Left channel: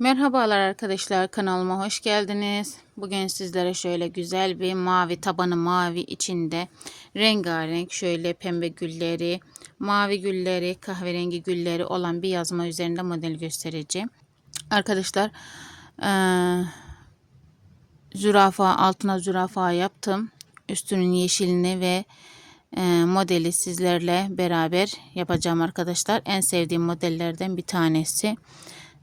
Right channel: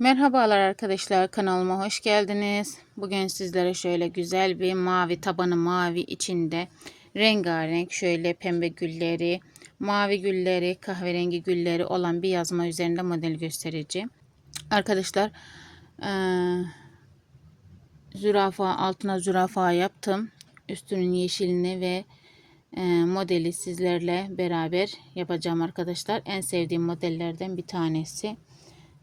Merhabalar arkadaşlar kanalıma hoş geldiniz. Bugün sizlere şöyle güzel bir mavi tabanı mavi içinde rengarenk şöyle pembe gülleri, mavi gülleri, kahverengi gülleri olan bir yazma üzerinde model göstereceğim. Arkadaşlar eee, zürafa altına zürafa yaptım. Üstünün yeşilini ve eee, modeli sizlerle beraber yapacağım arkadaşlar. En sevdiğim modellerden bir tanesi.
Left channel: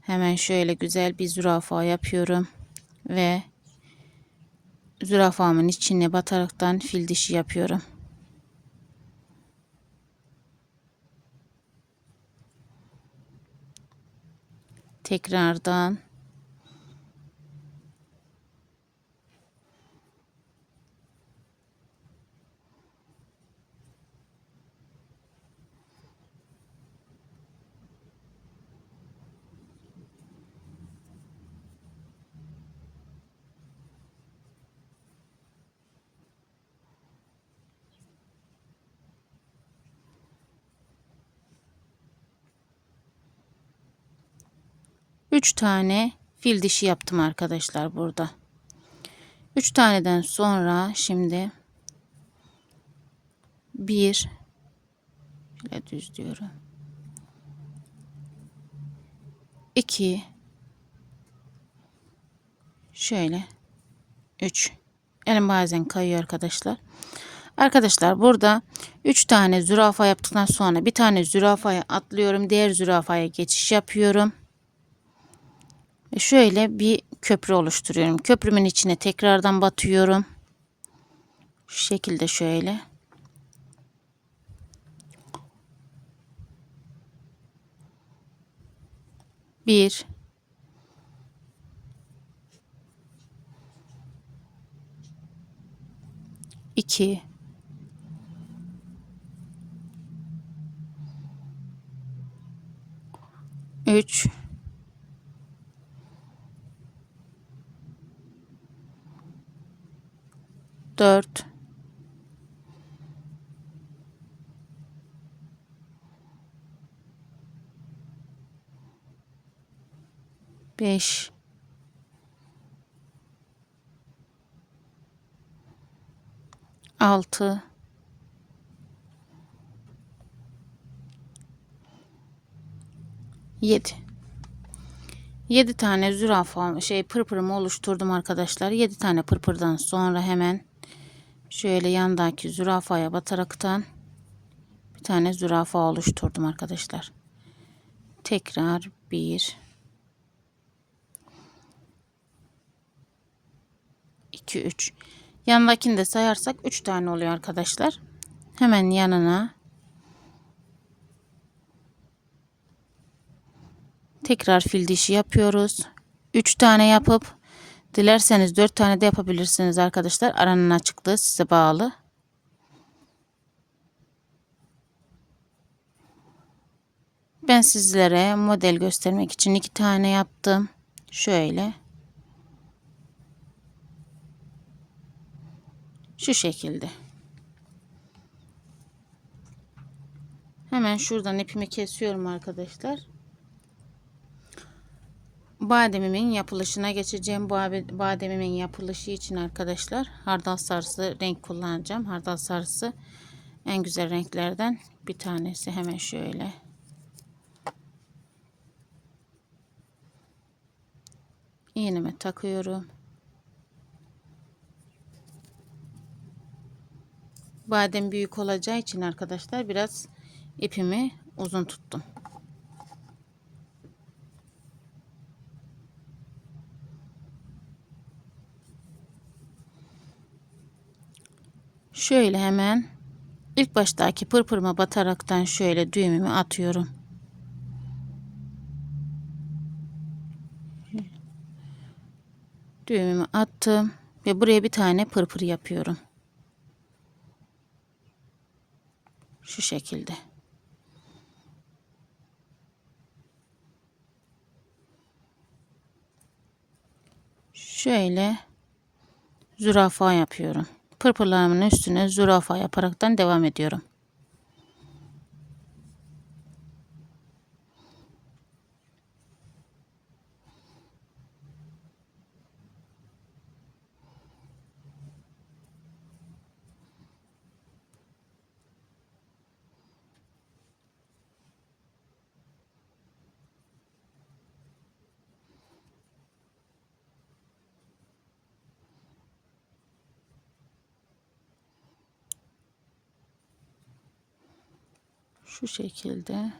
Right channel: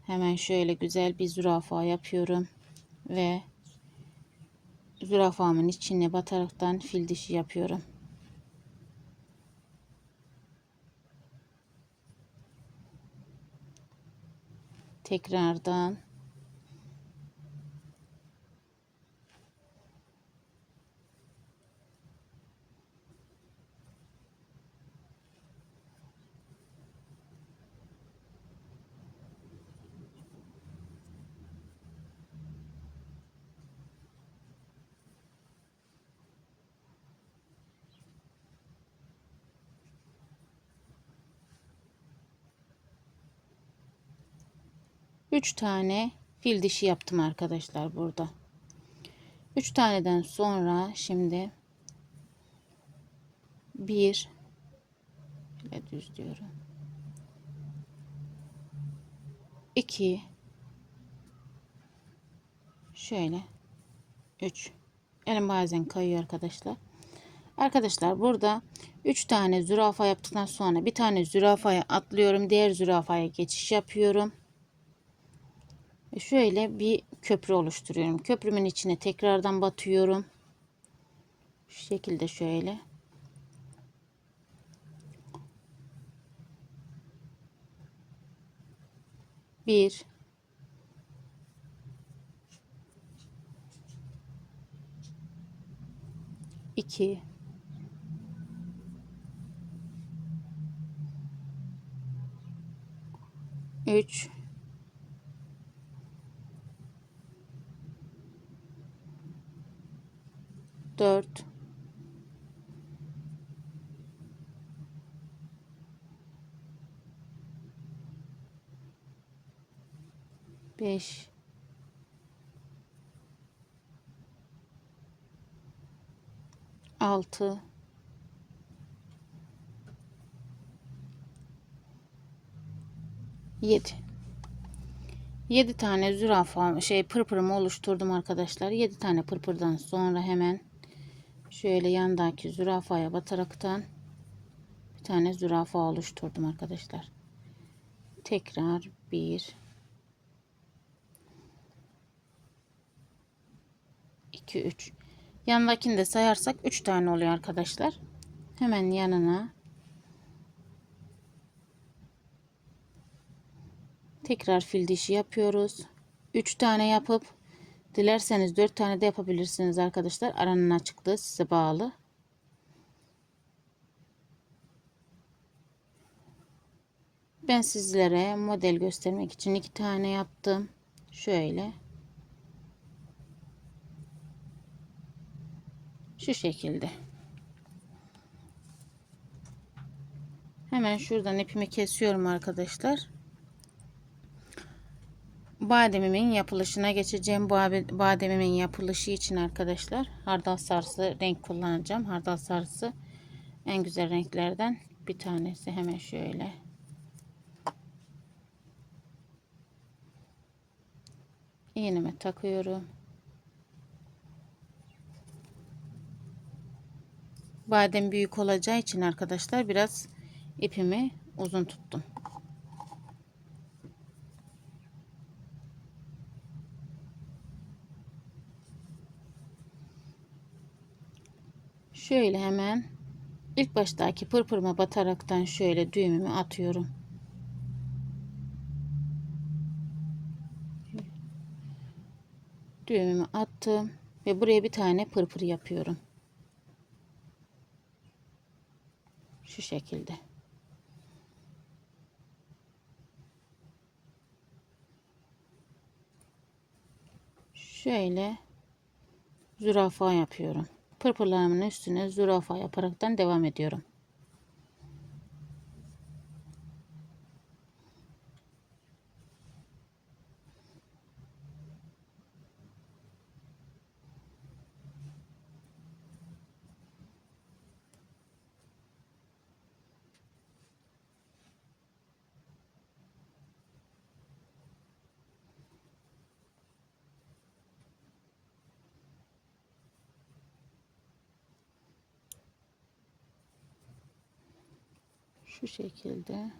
Hemen şöyle güzel bir zürafa yapıyorum. Ve zürafamın içine bataraktan fil dişi yapıyorum. Tekrardan Üç tane fil dişi yaptım arkadaşlar burada. Üç taneden sonra şimdi bir şöyle düz diyorum. İki şöyle üç elim bazen kayıyor arkadaşlar. Arkadaşlar burada 3 tane zürafa yaptıktan sonra bir tane zürafaya atlıyorum. Diğer zürafaya geçiş yapıyorum. Şöyle bir köprü oluşturuyorum. Köprümün içine tekrardan batıyorum. Şu şekilde şöyle. Bir. iki, Üç. Dört, beş, altı, yedi. 7 tane zürafa şey pırpırımı oluşturdum arkadaşlar. 7 tane pırpırdan sonra hemen şöyle yandaki zürafaya bataraktan bir tane zürafa oluşturdum arkadaşlar. Tekrar bir iki üç yanındakini de sayarsak üç tane oluyor arkadaşlar. Hemen yanına tekrar fil dişi yapıyoruz. Üç tane yapıp Dilerseniz 4 tane de yapabilirsiniz arkadaşlar. Aranın açıklığı size bağlı. Ben sizlere model göstermek için iki tane yaptım. Şöyle. Şu şekilde. Hemen şuradan ipimi kesiyorum arkadaşlar bademimin yapılışına geçeceğim. Bu bademimin yapılışı için arkadaşlar hardal sarısı renk kullanacağım. Hardal sarısı en güzel renklerden bir tanesi. Hemen şöyle. iğneme takıyorum. Badem büyük olacağı için arkadaşlar biraz ipimi uzun tuttum. Şöyle hemen ilk baştaki pırpırıma bataraktan şöyle düğümümü atıyorum. Düğümümü attım ve buraya bir tane pırpır yapıyorum. Şu şekilde. Şöyle zürafa yapıyorum pırpırlarımın üstüne zürafa yaparaktan devam ediyorum. Şu şekilde.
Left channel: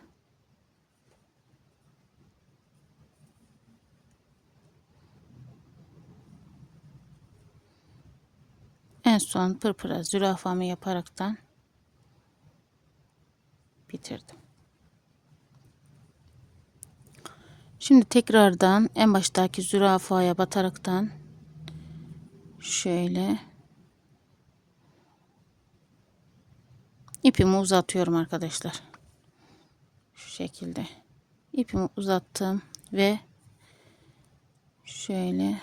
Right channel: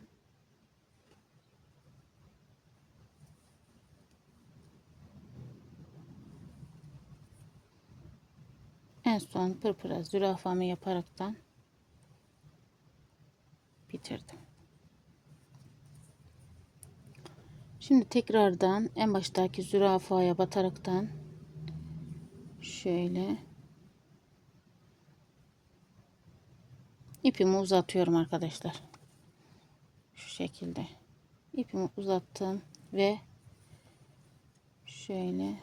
En son pırpıra zürafamı yaparaktan bitirdim. Şimdi tekrardan en baştaki zürafaya bataraktan şöyle ipimi uzatıyorum arkadaşlar. Şekilde ipimi uzattım ve şöyle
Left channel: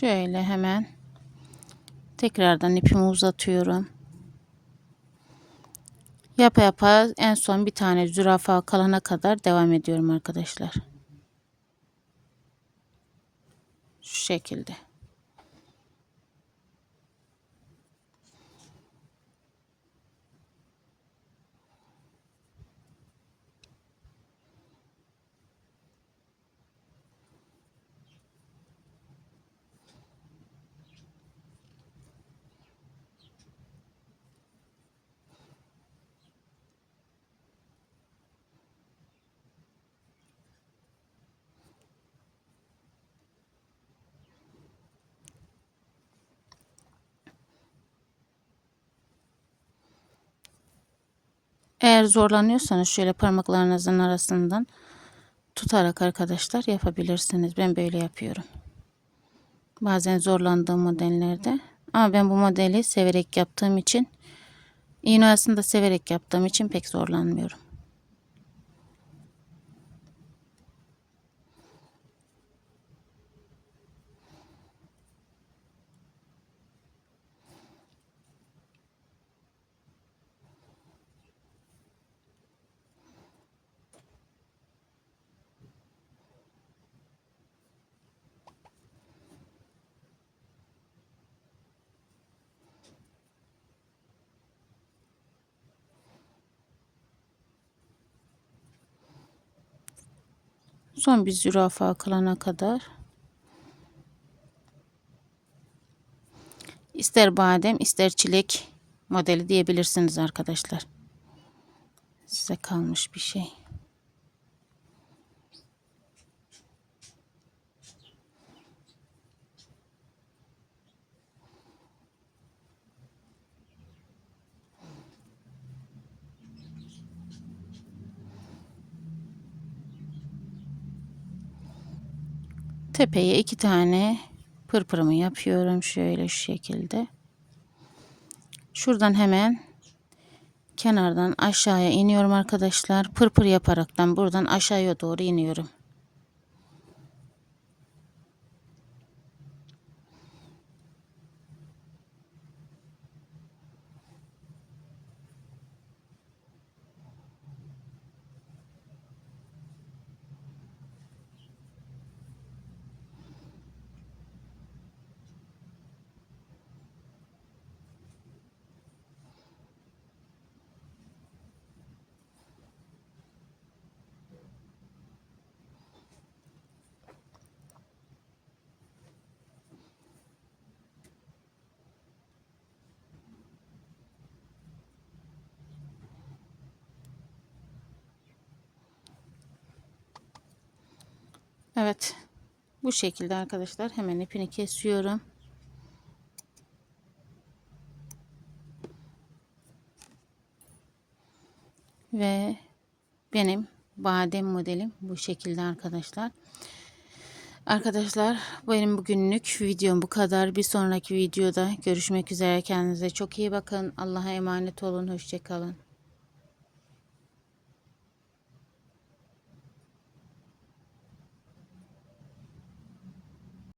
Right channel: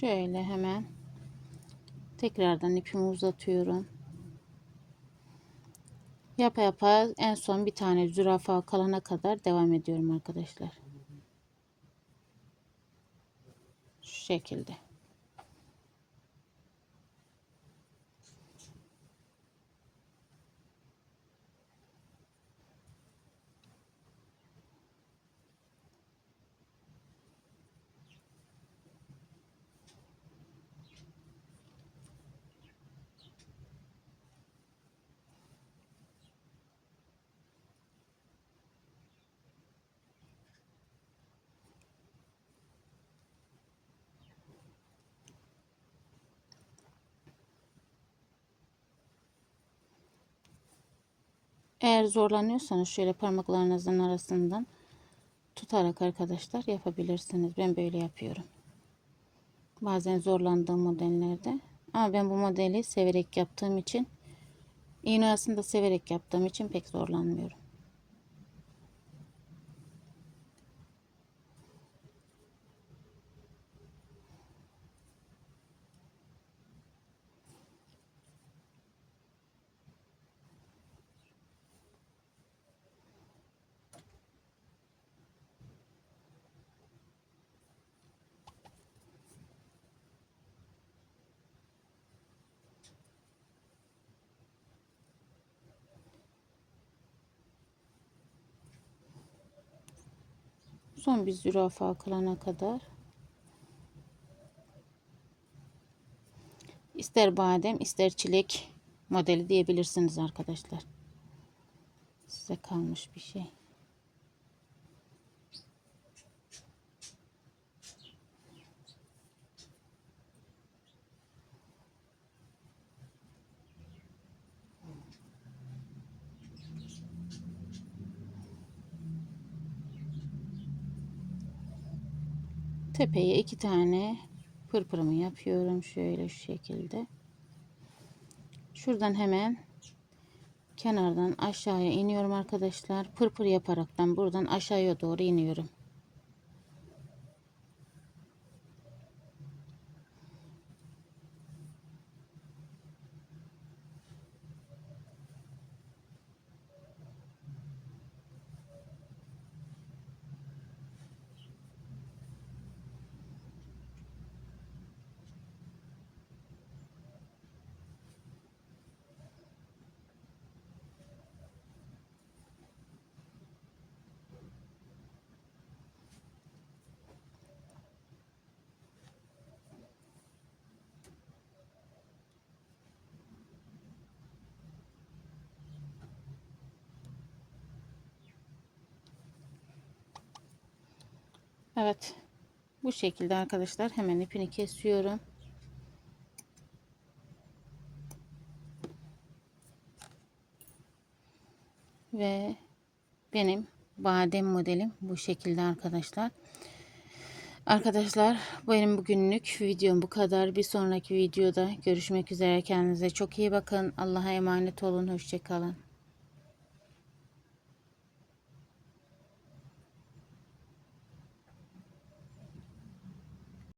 Şöyle hemen tekrardan ipimi uzatıyorum. Yapa yapa en son bir tane zürafa kalana kadar devam ediyorum arkadaşlar. Şu şekilde. Eğer zorlanıyorsanız şöyle parmaklarınızın arasından tutarak arkadaşlar yapabilirsiniz. Ben böyle yapıyorum. Bazen zorlandığım modellerde. Ama ben bu modeli severek yaptığım için iğne aslında severek yaptığım için pek zorlanmıyorum. Son bir zürafa kalana kadar ister badem ister çilek modeli diyebilirsiniz arkadaşlar. Size kalmış bir şey. Tepeye iki tane pırpırımı yapıyorum şöyle şu şekilde. Şuradan hemen kenardan aşağıya iniyorum arkadaşlar. Pırpır yaparaktan buradan aşağıya doğru iniyorum. Evet. Bu şekilde arkadaşlar hemen ipini kesiyorum. Ve benim badem modelim bu şekilde arkadaşlar. Arkadaşlar benim bugünlük videom bu kadar. Bir sonraki videoda görüşmek üzere. Kendinize çok iyi bakın. Allah'a emanet olun. Hoşçakalın.